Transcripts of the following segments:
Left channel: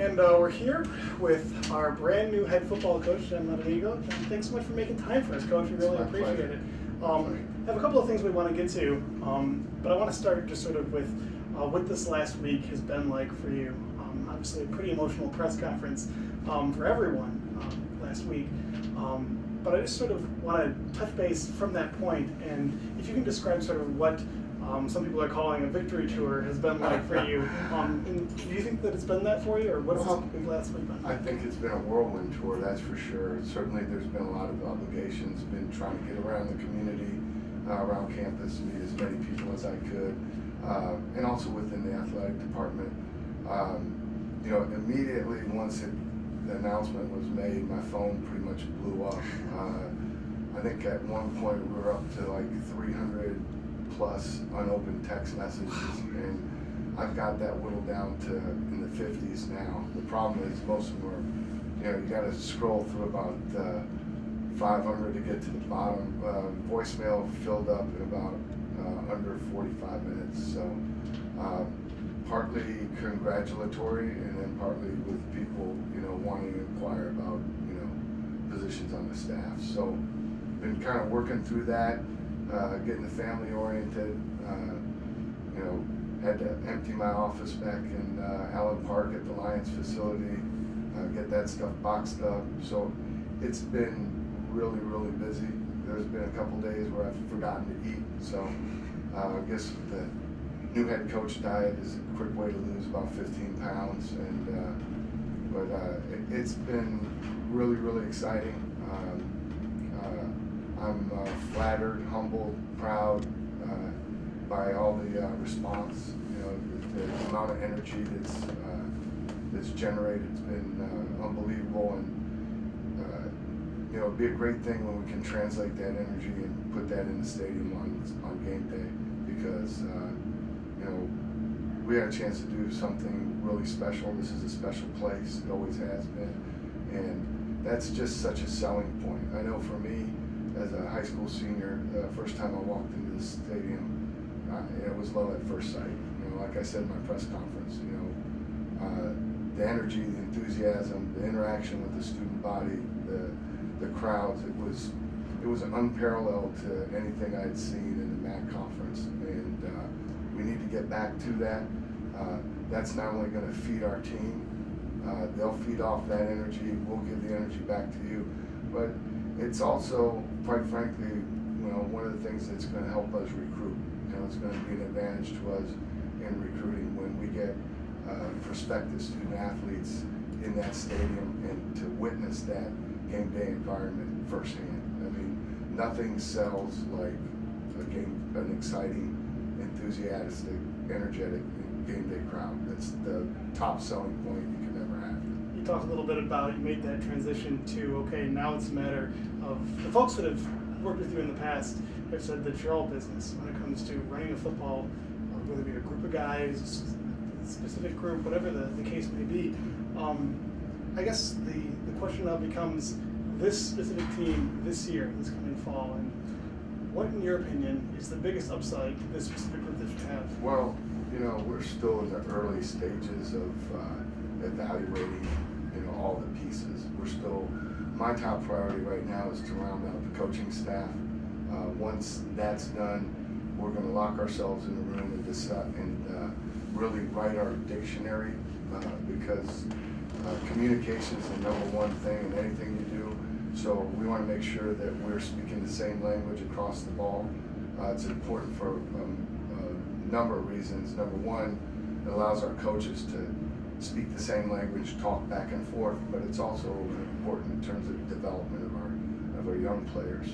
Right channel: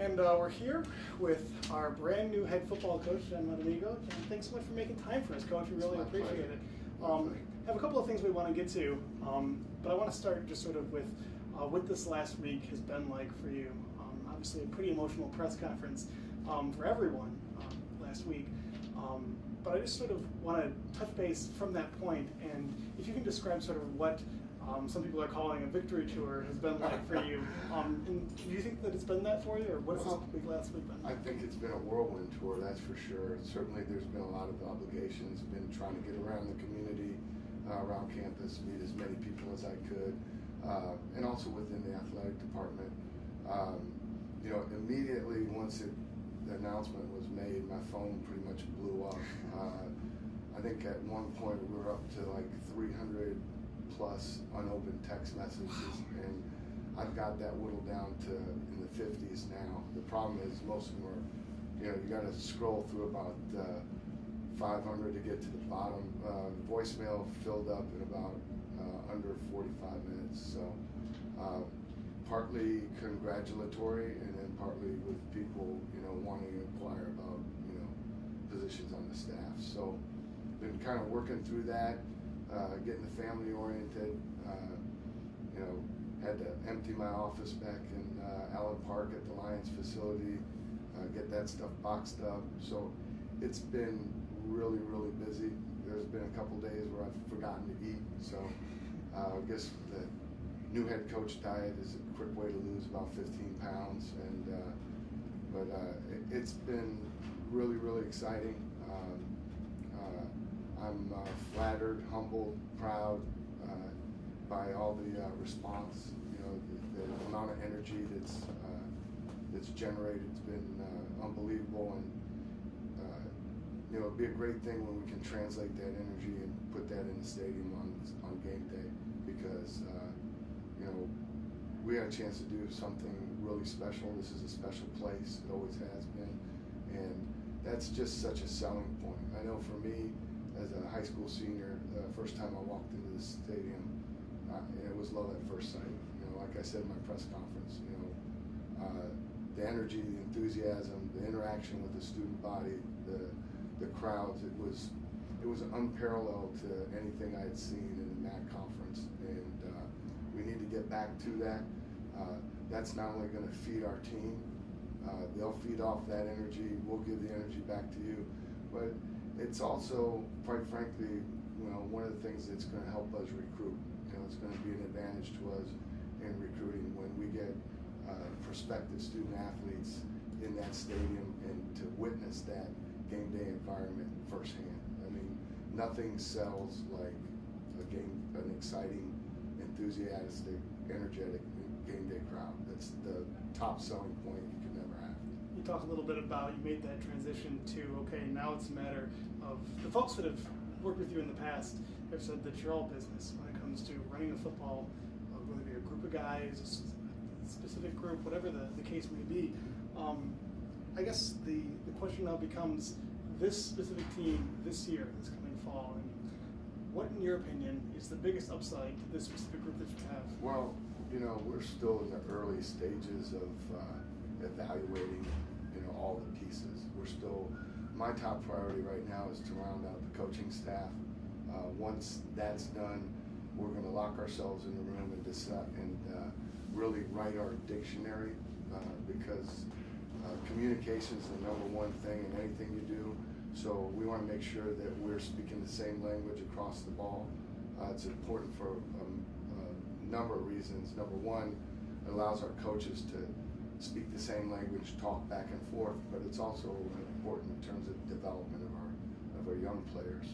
And we're here with our brand new head football coach, John Bonamego. John, thanks so much for making time for us, Coach. We really appreciate it. Have a couple of things we want to get to, but I want to start just sort of with what this last week has been like for you. Obviously, a pretty emotional press conference for everyone last week. But I just sort of want to touch base from that point, and if you can describe sort of what some people are calling a victory tour has been like for you. And do you think that it's been that for you, or what's this last week been? I think it's been a whirlwind tour, that's for sure. Certainly there's been a lot of obligations, been trying to get around the community, around campus, meet as many people as I could, and also within the athletic department. Immediately once the announcement was made, my phone pretty much blew up. I think at one point we were up to like 300 plus unopened text messages, and I've got that whittled down to in the 50s now. The problem is most of them are, you got to scroll through about 500 to get to the bottom. Voicemail filled up in about under 45 minutes. So partly congratulatory, and then partly with people, wanting to inquire about, positions on the staff. So been kind of working through that. Getting the family oriented, had to empty my office back in Allen Park at the Lions facility, get that stuff boxed up. So it's been really, really busy. There's been a couple days where I've forgotten to eat. So I guess the new head coach diet is a quick way to lose about 15 pounds. But it's been really, really exciting. I'm flattered, humbled, proud by all the response. The amount of energy that's generated has been unbelievable, and it'd be a great thing when we can translate that energy and put that in the stadium on game day, because we had a chance to do something really special. This is a special place; it always has been, and that's just such a selling point. I know for me, as a high school senior, the first time I walked into the stadium, it was love at first sight. Like I said in my press conference, the energy, the enthusiasm, the interaction with the student body, the crowds, it was unparalleled to anything I had seen in the MAC conference, and we need to get back to that. That's not only going to feed our team, they'll feed off that energy, we'll give the energy back to you, but it's also, quite frankly, one of the things that's going to help us recruit. It's going to be an advantage to us in recruiting when we get prospective student athletes in that stadium and to witness that game day environment firsthand. I mean, nothing sells like an exciting, enthusiastic, energetic game day crowd. That's the top selling point you can ever have. You talked a little bit about, you made that transition to, okay, now it's a matter of the folks that have worked with you in the past have said that you're all business when it comes to running a football, whether it be a group of guys, a specific group, whatever the case may be. I guess the question now becomes this specific team this year, this coming fall, and what, in your opinion, is the biggest upside to this specific group that you have? Well, we're still in the early stages of evaluating, all the pieces. My top priority right now is to round out the coaching staff. Once that's done, we're going to lock ourselves in a room and decide and really write our dictionary, because communication is the number one thing in anything you do. So we want to make sure that we're speaking the same language across the ball. It's important for a number of reasons. Number one, it allows our coaches to speak the same language, talk back and forth, but it's also important in terms of development of our young players.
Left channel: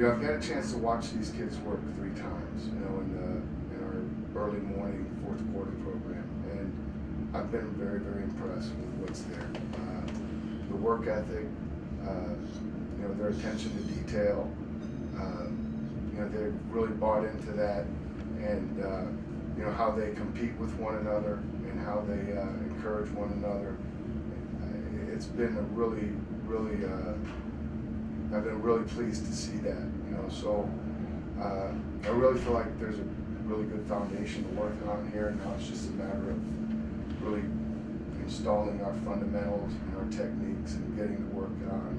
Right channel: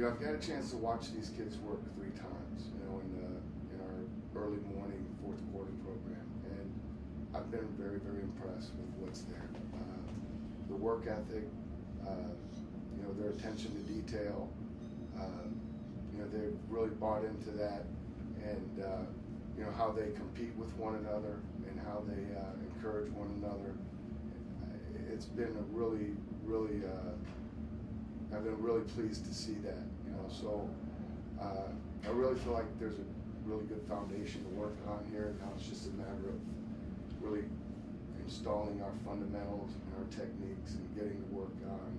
I've got a chance to watch these kids work 3 times, in our early morning fourth quarter program, and I've been very, very impressed with what's there. The work ethic, their attention to detail, they've really bought into that, and how they compete with one another and how they encourage one another. It's been a really, really, I've been really pleased to see that, so I really feel like there's a really good foundation to work on here. Now it's just a matter of really installing our fundamentals and our techniques and getting to work on,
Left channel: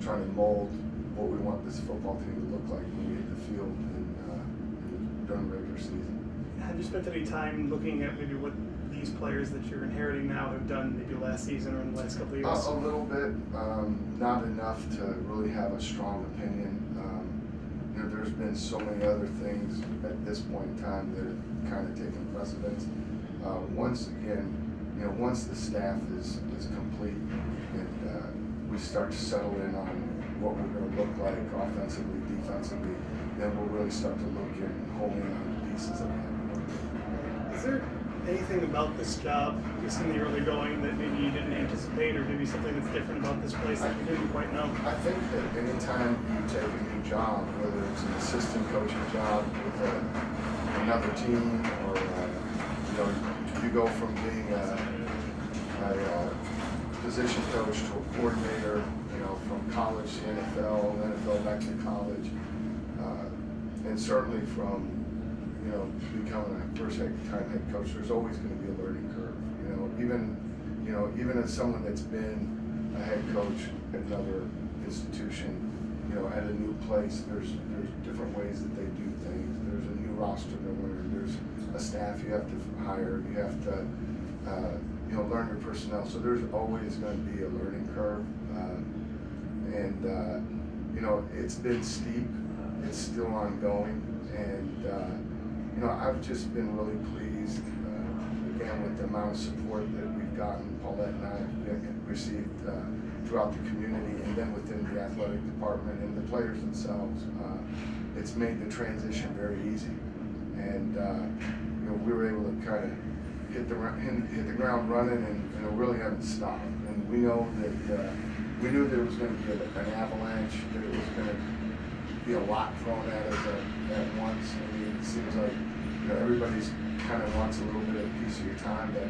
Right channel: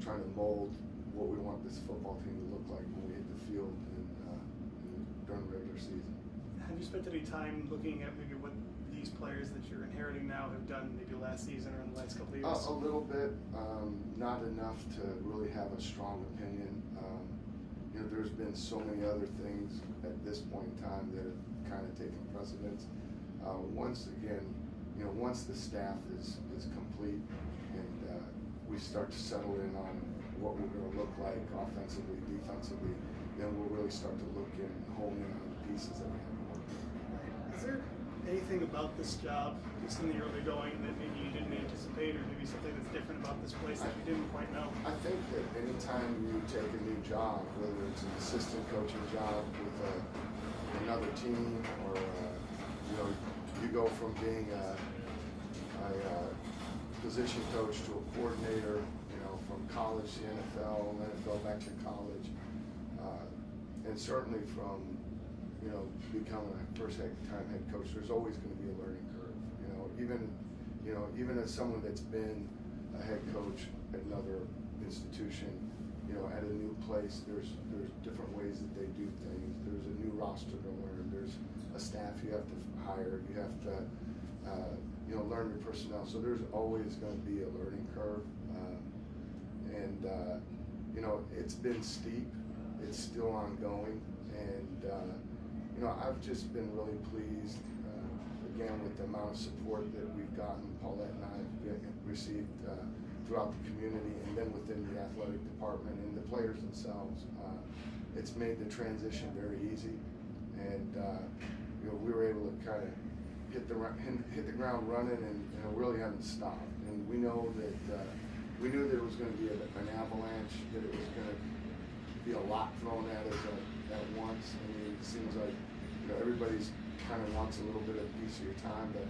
trying to mold what we want this football team to look like when we hit the field during the regular season. Have you spent any time looking at maybe what these players that you're inheriting now have done maybe last season or in the last couple of years? A little bit, not enough to really have a strong opinion. There's been so many other things at this point in time that have kind of taken precedence. Once the staff is complete and we start to settle in on what we're going to look like offensively, defensively, then we'll really start to look in and hone in on the pieces that we have. Is there anything about this job, just in the early going, that maybe you didn't anticipate, or maybe something that's different about this place that you didn't quite know? I think that anytime you take a new job, whether it's an assistant coaching job with another team, or you go from being a position coach to a coordinator, from college to NFL, NFL back to college, and certainly from becoming a first-time head coach, there's always going to be a learning curve. Even as someone that's been a head coach at another institution, at a new place, there's different ways that they do things. There's a new roster to learn. There's a staff you have to hire. You have to learn your personnel. So there's always going to be a learning curve, it's been steep. It's still ongoing, and I've just been really pleased, again, with the amount of support that we've gotten, Paulette and I have received throughout the community, and then within the athletic department and the players themselves. It's made the transition very easy, and we were able to kind of hit the ground running, and really haven't stopped. And we know that we knew there was going to be an avalanche, that it was going to be a lot thrown at us at once. I mean, it seems like everybody's kind of wants a little bit of a piece of your time, but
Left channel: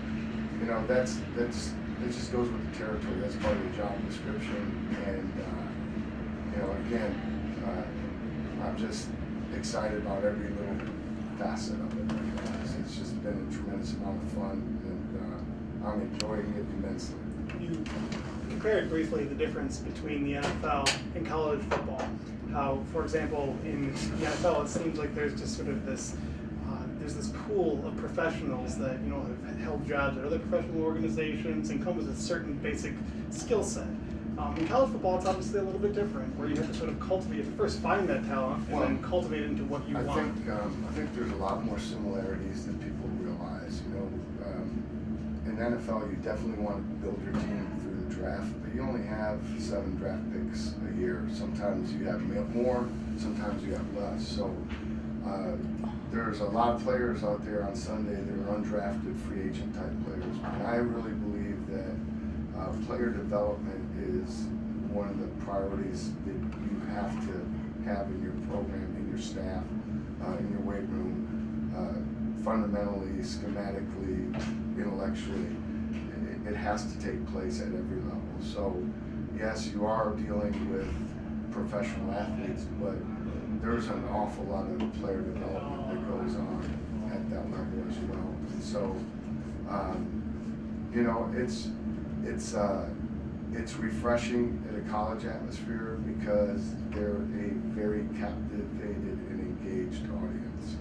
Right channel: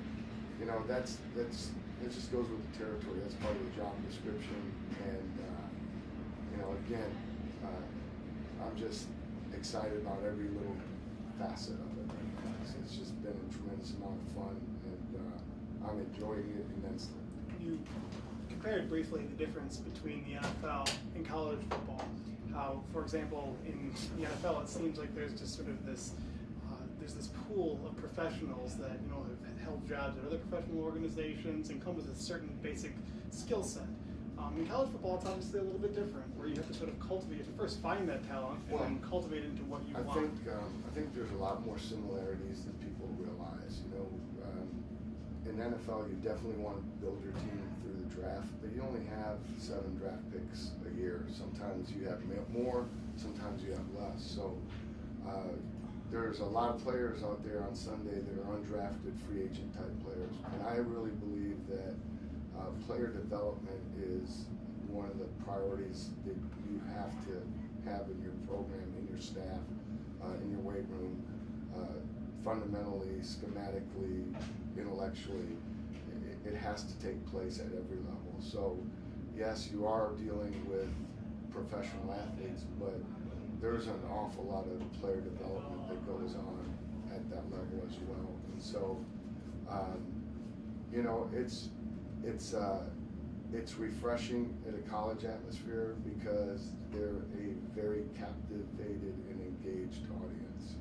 that just goes with the territory. That's part of the job description, and again, I'm just excited about every little facet of it. It's just been a tremendous amount of fun, and I'm enjoying it immensely. You compared briefly the difference between the NFL and college football. How, for example, in the NFL, it seems like there's just sort of this pool of professionals that have held jobs at other professional organizations and come with a certain basic skill set. In college football, it's obviously a little bit different, where you have to sort of cultivate, first find that talent, and then cultivate it into what you want. I think there's a lot more similarities than people realize. In the NFL, you definitely want to build your team through the draft, but you only have 7 draft picks a year. Sometimes you have more, sometimes you have less. So there's a lot of players out there on Sunday that are undrafted free agent type players, and I really believe that player development is one of the priorities that you have to have in your program, in your staff, in your weight room, fundamentally, schematically, intellectually. It has to take place at every level. So yes, you are dealing with professional athletes, but there's an awful lot of player development that goes on at that level as well. And so, it's refreshing in a college atmosphere because they're a very captivated and engaged audience.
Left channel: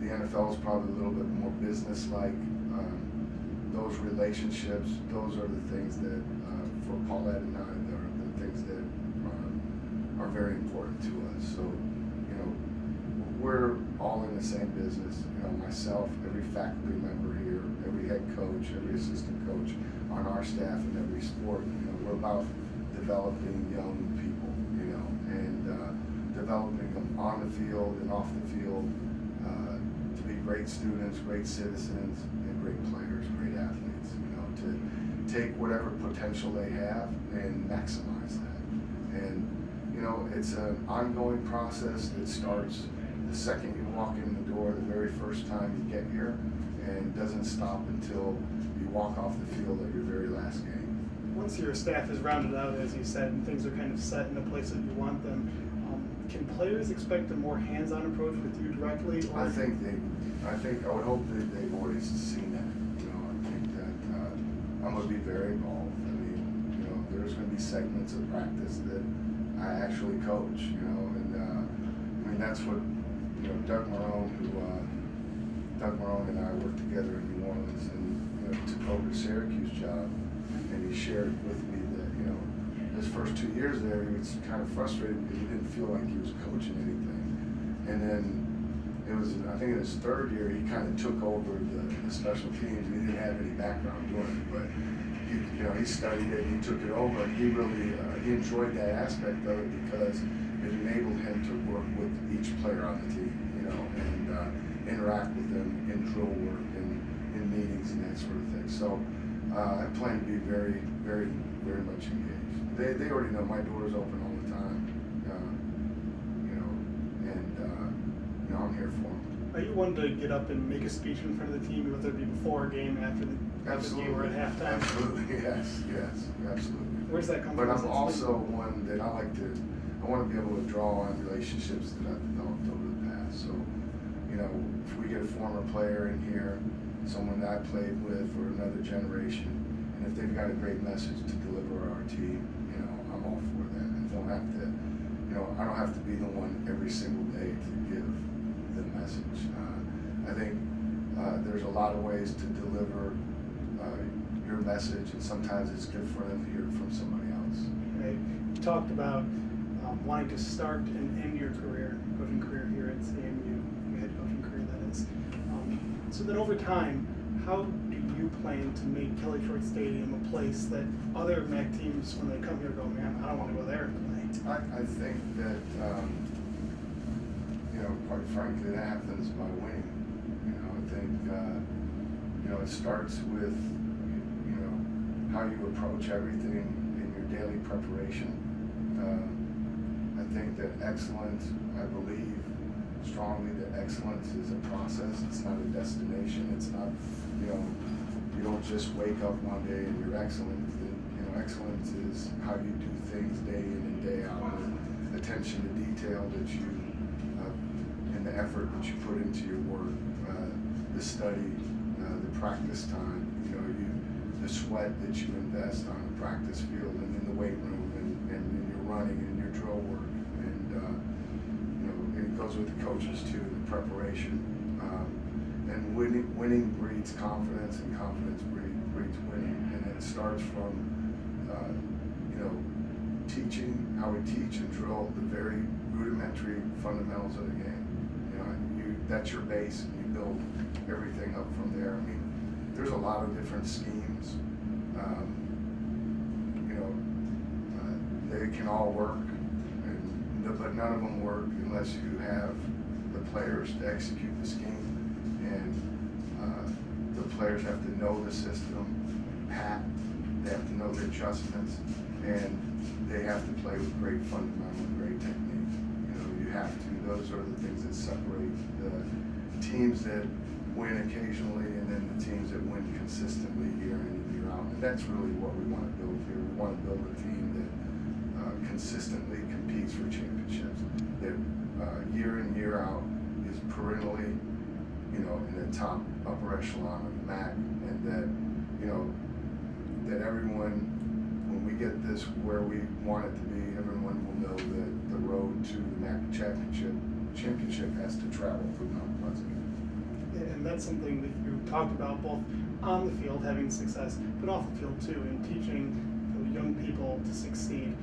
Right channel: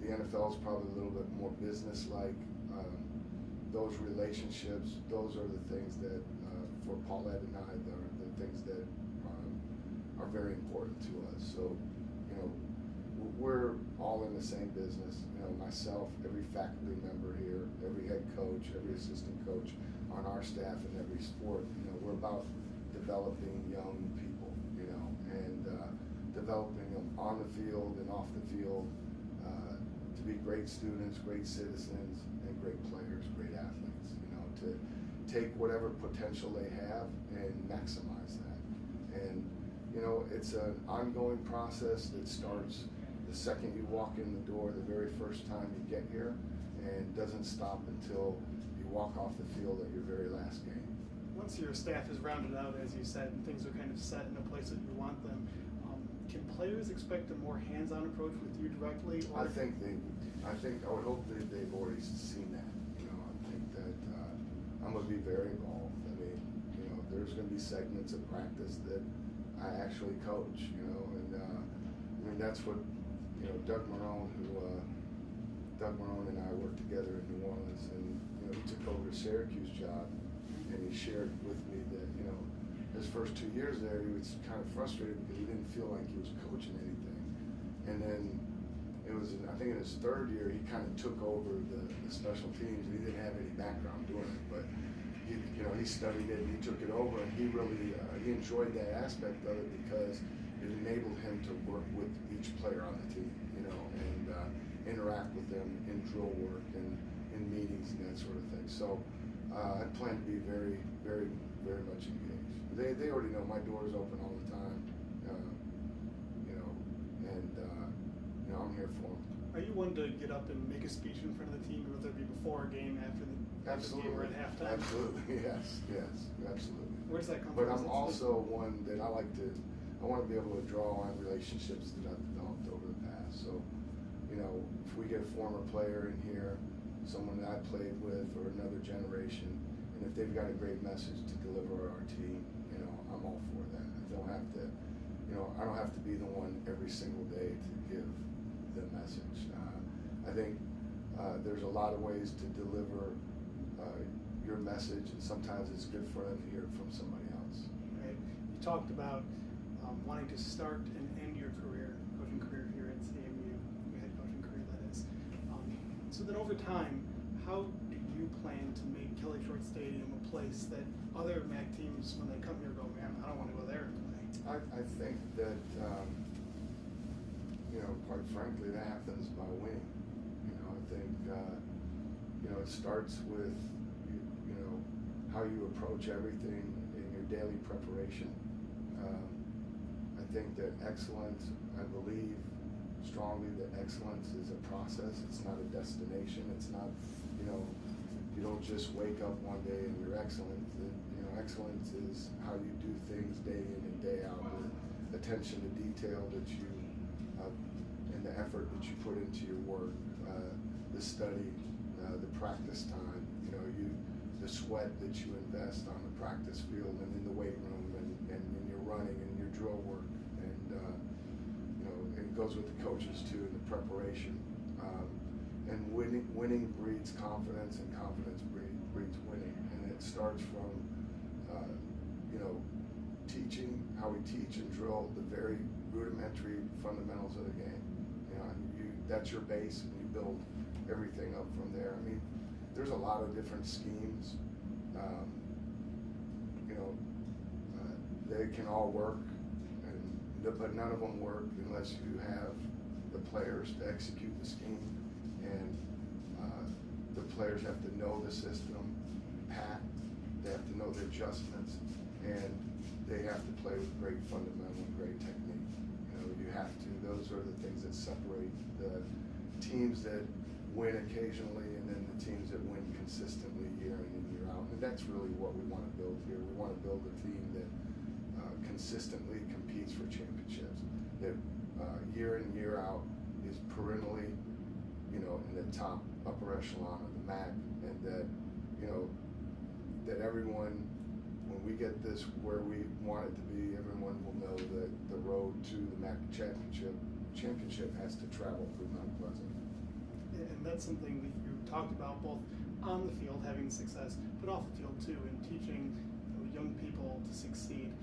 The NFL is probably a little bit more business-like. Those relationships, those are the things that, for Paulette and I, are the things that are very important to us. So, we're all in the same business. Myself, every faculty member here, every head coach, every assistant coach on our staff in every sport. We're about developing young people, and developing them on the field and off the field to be great students, great citizens, and great players, great athletes. To take whatever potential they have and maximize that. And it's an ongoing process that starts the second you walk in the door, the very first time you get here, and doesn't stop until you walk off the field at your very last game. Once your staff is rounded out, as you said, and things are kind of set in the place that you want them, can players expect a more hands-on approach with you directly? Or? I would hope that they've already seen that. You know, I think that I'm going to be very involved. I mean, you know, there's going to be segments of practice that I actually coach. You know, and I mean that's what Doug Marone and I worked together in New Orleans, and took over the Syracuse job, and he shared with me that his first 2 years there he was kind of frustrated because he didn't feel like he was coaching anything, and then it was I think in his third year he kind of took over the special teams. He didn't have any background doing it, but he studied it, he took it over, and he really he enjoyed that aspect of it because it enabled him to work with each player on the team, and interact with them in drill work and in meetings and that sort of thing. So I plan to be very, very, very much engaged. They already know my door is open all the time, and I'm here for them. Are you one to get up and make a speech in front of the team, whether it be before a game, after the game, or at halftime? Absolutely, yes, absolutely. Where's that come from? But I'm also one that I want to be able to draw on relationships that I've developed over the past. So, if we get a former player in here, someone that I played with, or another generation, and if they've got a great message to deliver our team, I'm all for that. I don't have to be the one every single day to give the message. I think there's a lot of ways to deliver your message, and sometimes it's good for them to hear it from somebody else. Right. You talked about wanting to start and end your coaching career here at CMU, your head coaching career, that is. So then over time, how do you plan to make Kelly Short Stadium a place that other MAC teams, when they come here, go, man, I don't want to go there and play? I think that, quite frankly, that happens by winning. I think, it starts with, how you approach everything in your daily preparation. I think that excellence, I believe strongly that excellence is a process. It's not a destination. It's not, you don't just wake up one day and you're excellent. Excellence is how you do things day in and day out. The attention to detail that you, and the effort that you put into your work, the study, the practice time, the sweat that you invest on the practice field and in the weight room and in your running and in your drill work. And, it goes with the coaches too, the preparation. And winning breeds confidence, and confidence breeds winning. And it starts from, teaching, how we teach and drill the very rudimentary fundamentals of the game. That's your base, and you build everything up from there. I mean, there's a lot of different schemes. They can all work, but none of them work unless you have the players to execute the scheme, and the players have to know the system, they have to know the adjustments, and they have to play with great fundamental and great technique. You have to. Those are the things that separate the teams that win occasionally and then the teams that win consistently year in and year out. And that's really what we want to build here. We want to build a team that consistently competes for championships, that year in, year out is perennially, in the top upper echelon of the MAC, and that, that everyone, when we get this where we want it to be, everyone will know that the road to the MAC championship has to travel through Mount Pleasant. And that's something that you talked about both on the field, having success, but off the field too, in teaching young people to succeed.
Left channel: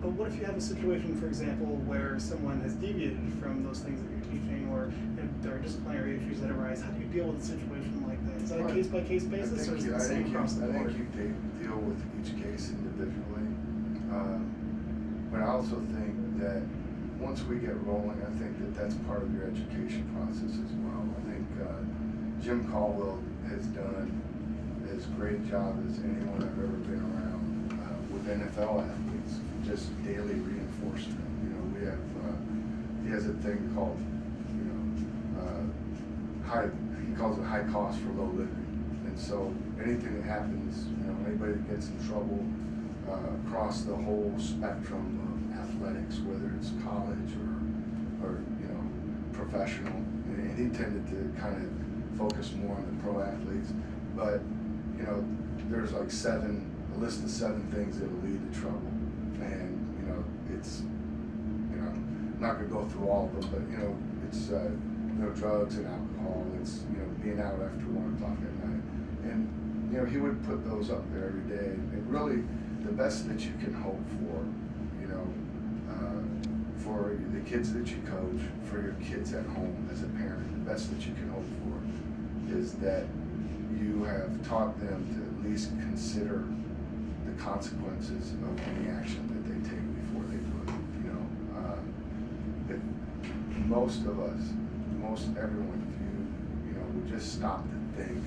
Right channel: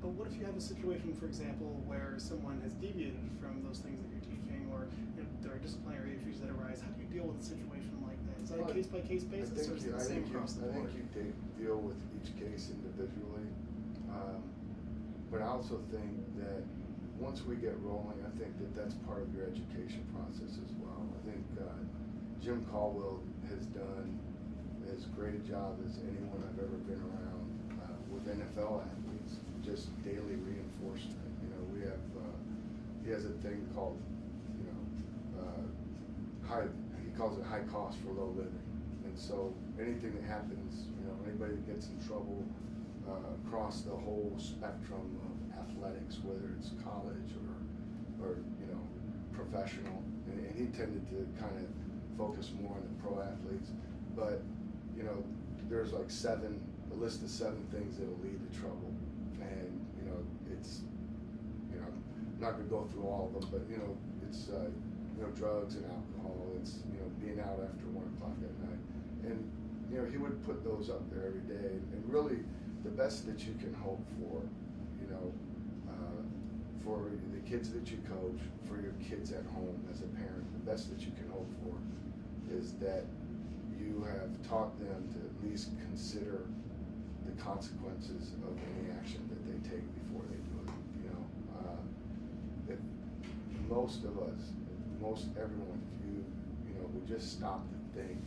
But what if you have a situation, for example, where someone has deviated from those things that you're teaching, or there are disciplinary issues that arise? How do you deal with a situation like that? Is that a case-by-case basis, or is it the same across the board? I think you deal with each case individually. But I also think that once we get rolling, I think that that's part of your education process as well. I think Jim Caldwell has done as great a job as anyone I've ever been around with NFL athletes, just daily reinforcement. We have, he has a thing called, he calls it high cost for low living. And so anything that happens, anybody that gets in trouble across the whole spectrum of athletics, whether it's college or professional. And he tended to kind of focus more on the pro athletes. But there's like a list of 7 things that will lead to trouble. And it's I'm not gonna go through all of them, but it's drugs and alcohol. It's being out after 1 o'clock at night. And he would put those up there every day. And really, the best that you can hope for, for the kids that you coach, for your kids at home as a parent, the best that you can hope for is that you have taught them to at least consider the consequences of any action that they take before they do it. If most of us, everyone, if you would just stop to think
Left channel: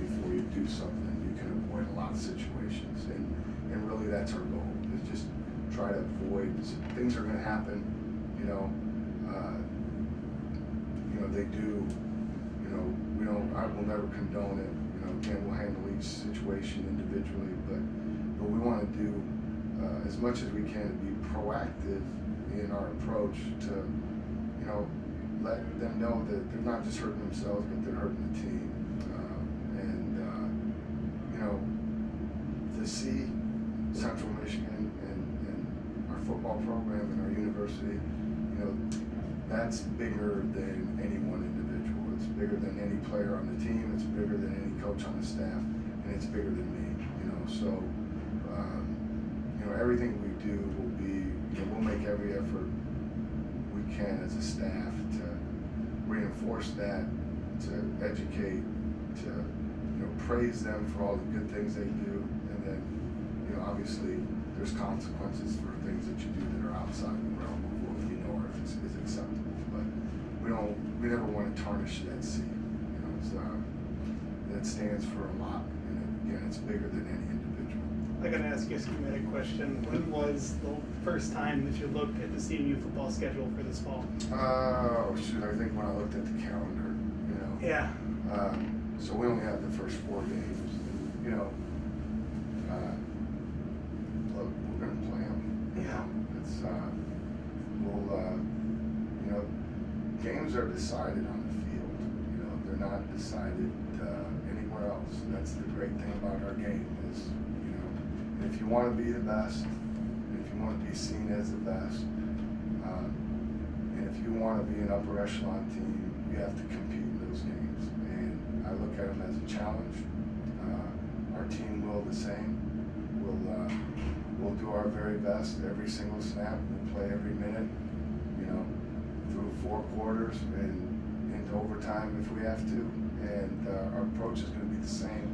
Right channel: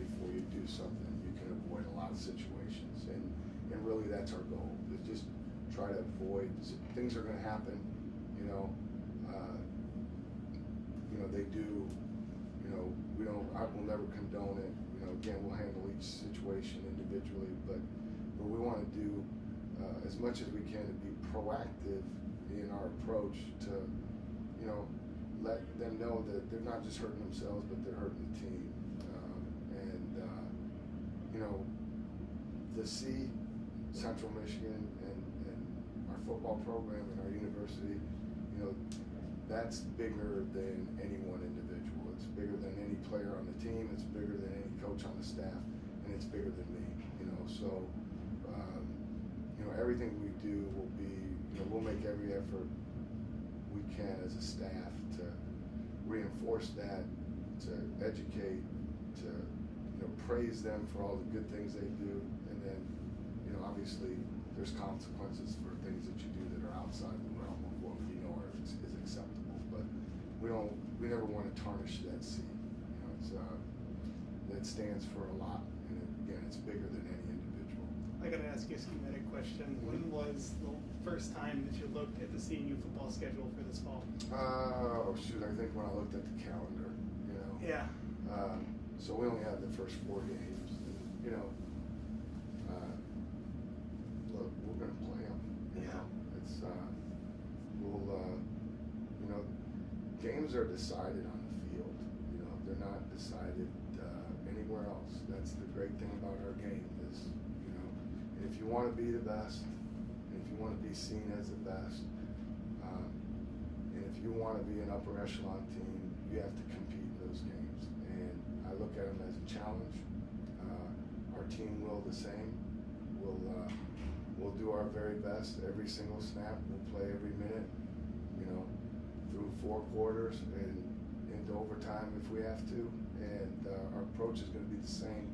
before you do something, you can avoid a lot of situations. And really, that's our goal, is just try to avoid things are going to happen. They do. I will never condone it. Again, we'll handle each situation individually, but we want to do as much as we can to be proactive in our approach to, let them know that they're not just hurting themselves, but they're hurting the team. To see Central Michigan and our football program and our university, that's bigger than any one individual. It's bigger than any player on the team. It's bigger than any coach on the staff, and it's bigger than me. So everything we do will be. We'll make every effort we can as a staff to reinforce that, to educate, to praise them for all the good things they do, and then obviously there's consequences for things that you do that are outside the realm of what we know is acceptable. But we never want to tarnish that C. That stands for a lot, and again, it's bigger than any individual. I got to ask you a schematic question. When was the first time that you looked at the CMU football schedule for this fall? I think when I looked at the calendar, Yeah. So we only have the first 4 games. Look, we're going to play them. It's games are decided on the field. They're not decided anywhere else. That's the great thing about our game is, and if you want to be the best, and if you want to be seen as the best, and if you want to be an upper echelon team, you have to compete in those games. And I look at them as a challenge. Our team will the same. We'll do our very best every single snap. We'll play every minute, through 4 quarters and into overtime if we have to. And our approach is going to be the same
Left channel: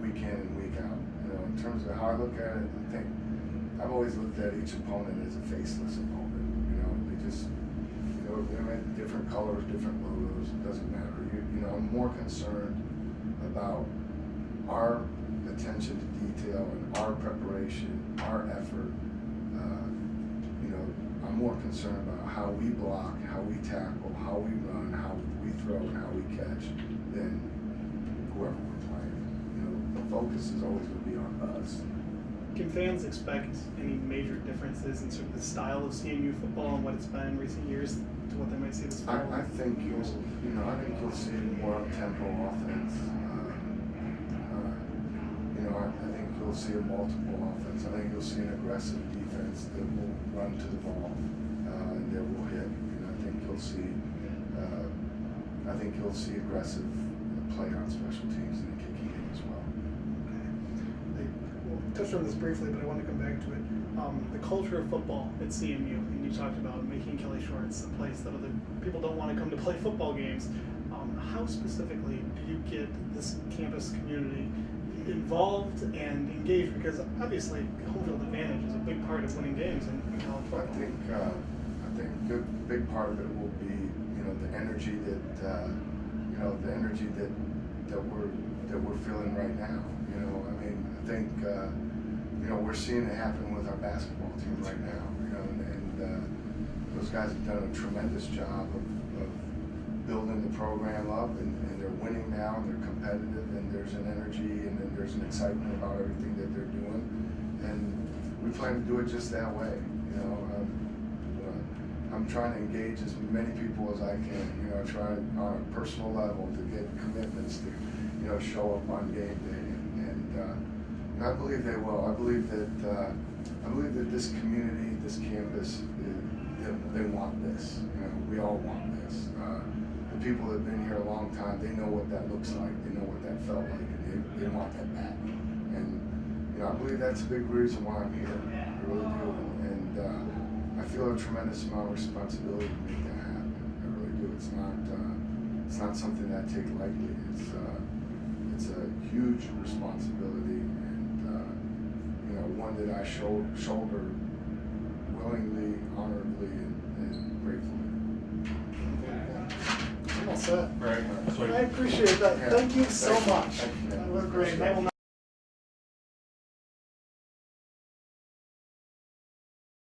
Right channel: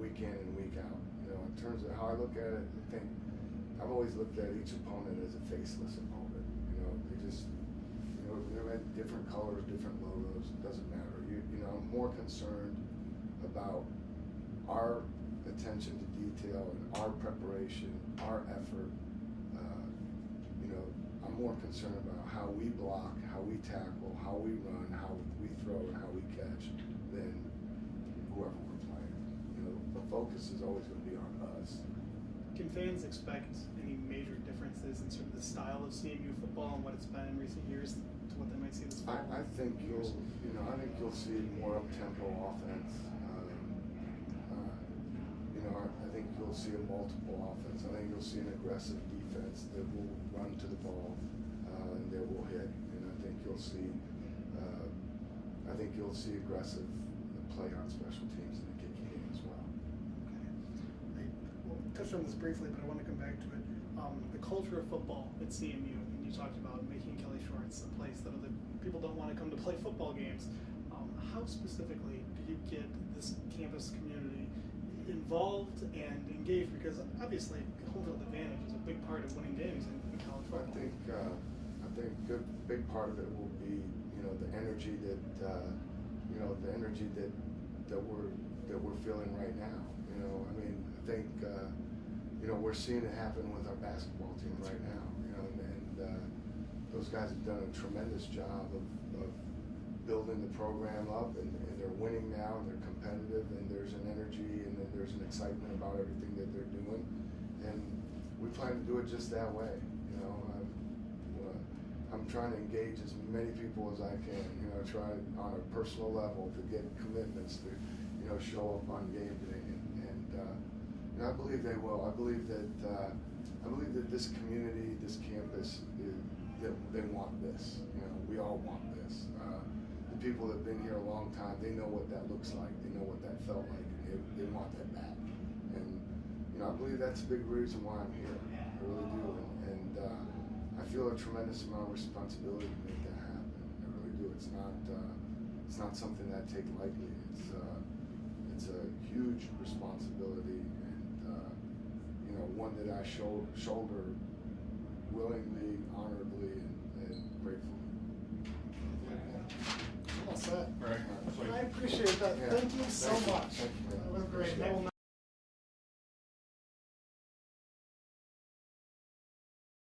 week in and week out. In terms of how I look at it, I think I've always looked at each opponent as a faceless opponent. They just, they're at different colors, different logos. It doesn't matter. I'm more concerned about our attention to detail and our preparation, our effort. I'm more concerned about how we block, how we tackle, how we run, how we throw, and how we catch than whoever we're playing. The focus is always going to be on us. Can fans expect any major differences in sort of the style of CMU football and what it's been in recent years to what they might see this fall? I think you'll see more up-tempo offense. I think you'll see a multiple offense. I think you'll see an aggressive defense that will run to the ball and that will hit. I think you'll see aggressive play on special teams in the kicking game as well. Okay. We'll touch on this briefly, but I want to come back to it. The culture of football at CMU, and you talked about making Kelly Shorts a place that other people don't want to come to play football games. How specifically do you get this campus community involved and engaged? Because obviously home field advantage is a big part of winning games in college football. I think a big part of it will be the energy that we're feeling right now. I think we're seeing it happen with our basketball team right now. And those guys have done a tremendous job of building the program up, and they're winning now, and they're competitive, and there's an energy, and then there's an excitement about everything that they're doing, and we plan to do it just that way. I'm trying to engage as many people as I can, you know, trying on a personal level to get commitments to, you know, show up on game day, and you know, I believe they will. I believe that this community, this campus, they want this. You know, we all want this. The people that have been here a long time, they know what that looks like. They know what that felt like, and they want that back. And you know, I believe that's a big reason why I'm here. I really do, and I feel a tremendous amount of responsibility to make that happen. I really do. It's not something that I take lightly. It's a huge responsibility, and you know, one that I shoulder willingly, honorably, and gratefully. I'm all set. Very much. I appreciate that. Yeah. Thank you so Thank you. much. Thank you. That was great.